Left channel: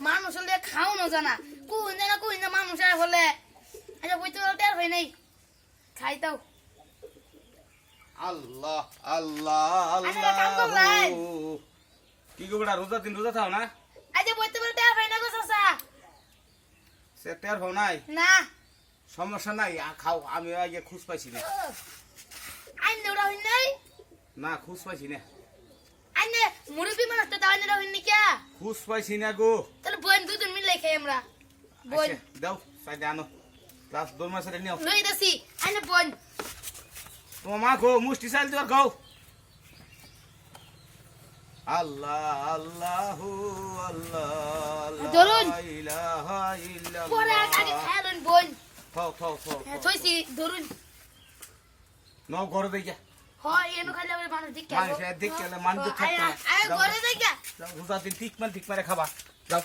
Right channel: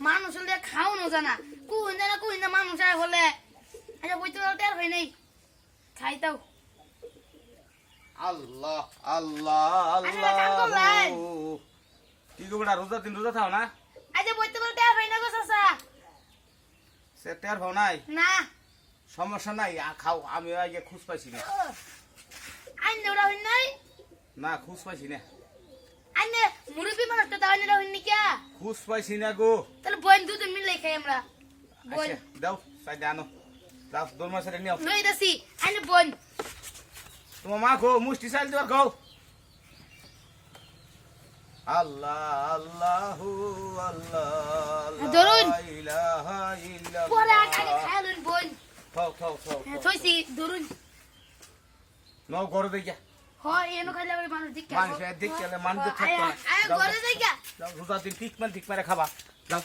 মানুষ হলে খাওয়ানো জানা কুইন না মানুষ আর হলে আচ্ছা বইতে টের হয় নাই খাইতাও আল্লাহ আল্লাহ আল্লাহ কি গো বড়া রোজা দিন রোজা থাও না আচ্ছা বইতে টের হয় না গো চাচা সে টের হও নাই না সমস্যা নাই খাও আমি আগে খুশ পাইছি না আইন দেওয়া হই নাই না খুশ পাইছি না আইন মুরব্বী মানুষ তো দাওয়া নিরা হইনি কে খুশ পাইছি না গো তাহলে বোন দুজন মিলে খাই আমরা বোন আচ্ছা দাও সাইডে আনো লাস দরমা সাইডে নিও লই দাসি আইন বোন তোমার মা খো মুষ্টি চাইল দিবার খাও আল্লাহ আল্লাহু আল্লাহ ধরুন। লা ইলাহা ইল্লাল্লাহ পরে আগে খাইলুন বোন খাও খাও খাও থইছি ধরুন নাও ঘরে দেইয়া হয় এনো খাইলে আমরা মানুষ দিক মানুষ দেখতে মানুষ থাকতো না আয় ঘরে যাই গা যাও রোজা দিন ঠিক মানে খাবা যাও